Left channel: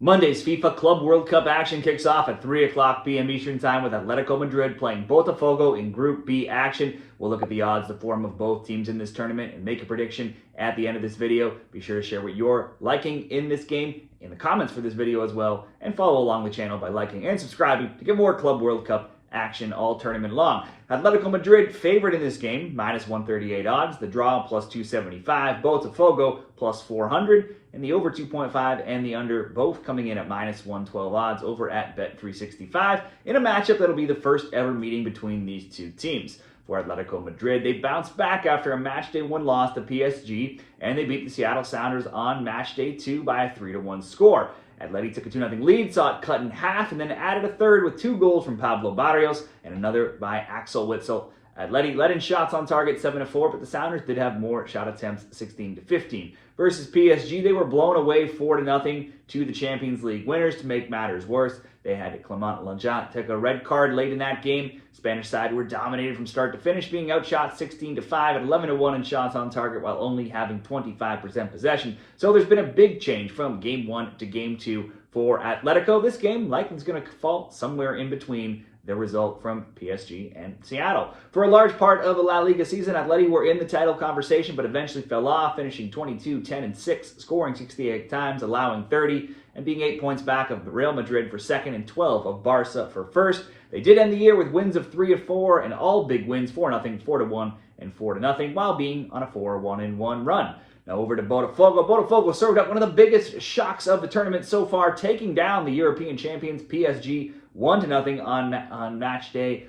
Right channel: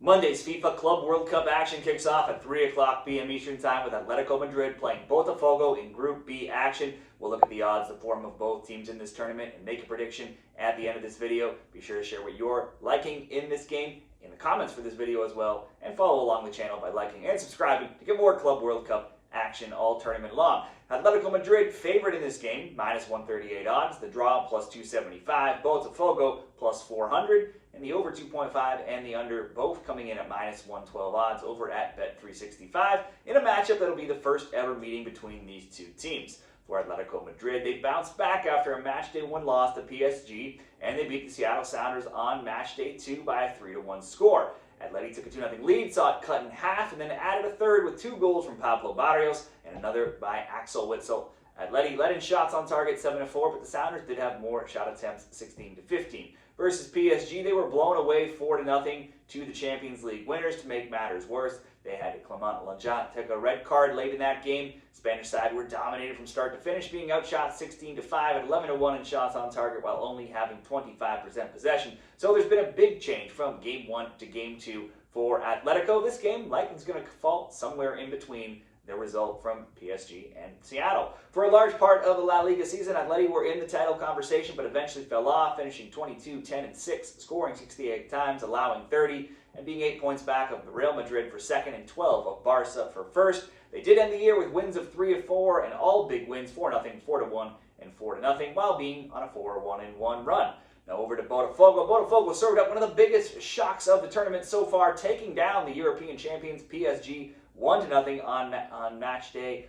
Monday's FIFA Club World Cup action kicks off at 3 o'clock p.m. Eastern Time with Atletico Madrid playing Botafogo in Group B action. We'll look at the odds, the form of both teams in this tournament, and make a prediction at the end of this video. Be sure to share what you're liking in this game in the comments for this video as well, and follow along the channel by liking and subscribing to get more Club World Cup action all tournament long. Atletico Madrid favored in this game, minus 138 odds. The draw plus 275. Botafogo plus 400. And the over 2.5 and the under both coming in at minus 112 odds over at Bet365 in a matchup that'll be the first ever meeting between these two teams. For Atletico Madrid, they bounced back after a Matchday 1 loss to PSG, and they beat the Seattle Sounders on Matchday 2 by a 3-1 score. Atleti took a 2-0 lead, saw it cut in half, and then added a third with 2 goals from Pablo Barrios and another by Axel Witsel. Atleti led in shots on target 7-4, but the Sounders did have more shot attempts 16-15. Versus PSG, they were blown away 4-0 to the Champions League winners. To make matters worse, they had Clement Lenglet take a red card late in that game. Spanish side were dominated from start to finish, being outshot 16-5 at 11-1 in shots on target while only having 25% possession. So there's been a big change from Game 1 to Game 2 for Atletico. This game likely is going to fall somewhere in between the result from PSG and Seattle. For a large part of the La Liga season, Atleti were in the title conversation, but eventually fell off, finishing 22, 10, and 6, scoring 68 times, allowing 30, and being 8 points back of Real Madrid for second and 12 of Barca for first. They did end the year with wins of 3 of 4 and all big wins, 4-0, 4-1, and 4-0, while being on a 4-1-1 run. Now over to Botafogo. Botafogo served up one of the biggest shocks of the tournament so far, taking down the European champions PSG 1-0 on match day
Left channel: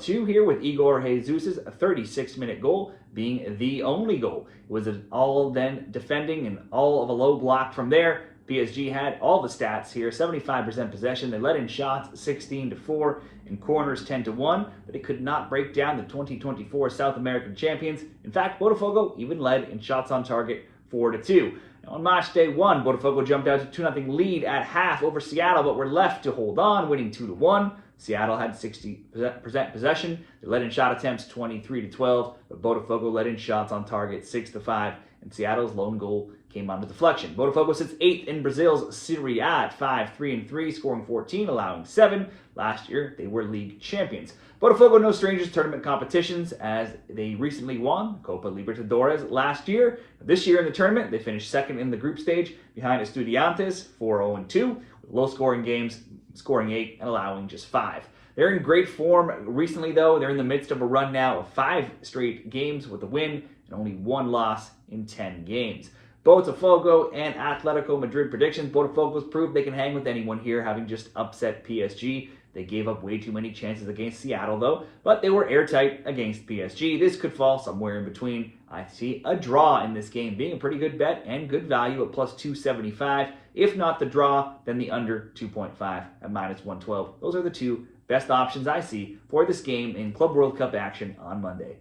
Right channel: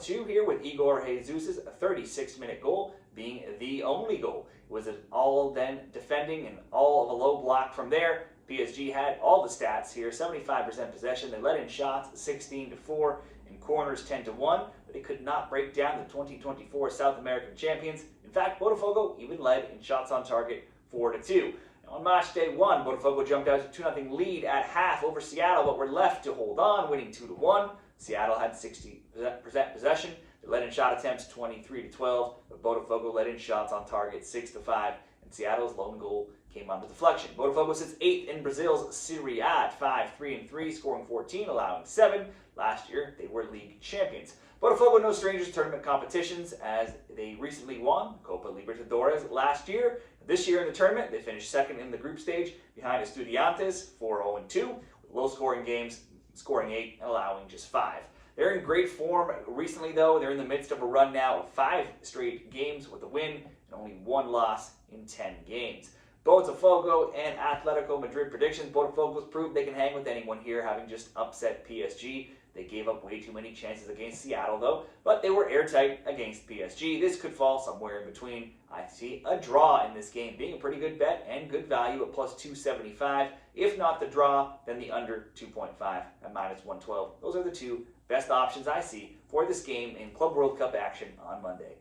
2 here, with Igor Jesus' 36-minute goal being the only goal. It was an all-then defending and all of a low block from there. PSG had all the stats here, 75% possession. They let in shots 16-4 and corners 10-1, but they could not break down the 2024 South American champions. In fact, Botafogo even led in shots on target 4-2. Now on match day 1, Botafogo jumped out to 2-0 lead at half over Seattle, but were left to hold on, winning 2-1. Seattle had 60% possession. They led in shot attempts 23-12, but Botafogo led in shots on target 6-5, and Seattle's lone goal came on the deflection. Botafogo sits 8th in Brazil's Serie A at 5-3-3, scoring 14, allowing 7. Last year, they were league champions. Botafogo no strangers to tournament competitions, as they recently won Copa Libertadores last year. This year in the tournament, they finished second in the group stage behind Estudiantes, 4-0-2, with low-scoring games, scoring 8 and allowing just 5. They're in great form recently, though. They're in the midst of a run now of 5 straight games with a win and only 1 loss in 10 games. Botafogo and Atletico Madrid predictions. Botafogo's proved they can hang with anyone here, having just upset PSG. They gave up way too many chances against Seattle, though, but they were airtight against PSG. This could fall somewhere in between. I see a draw in this game being a pretty good bet and good value at plus 275. If not the draw, then the under 2.5 at minus 112. Those are the two best options I see for this game in Club World Cup action on Monday.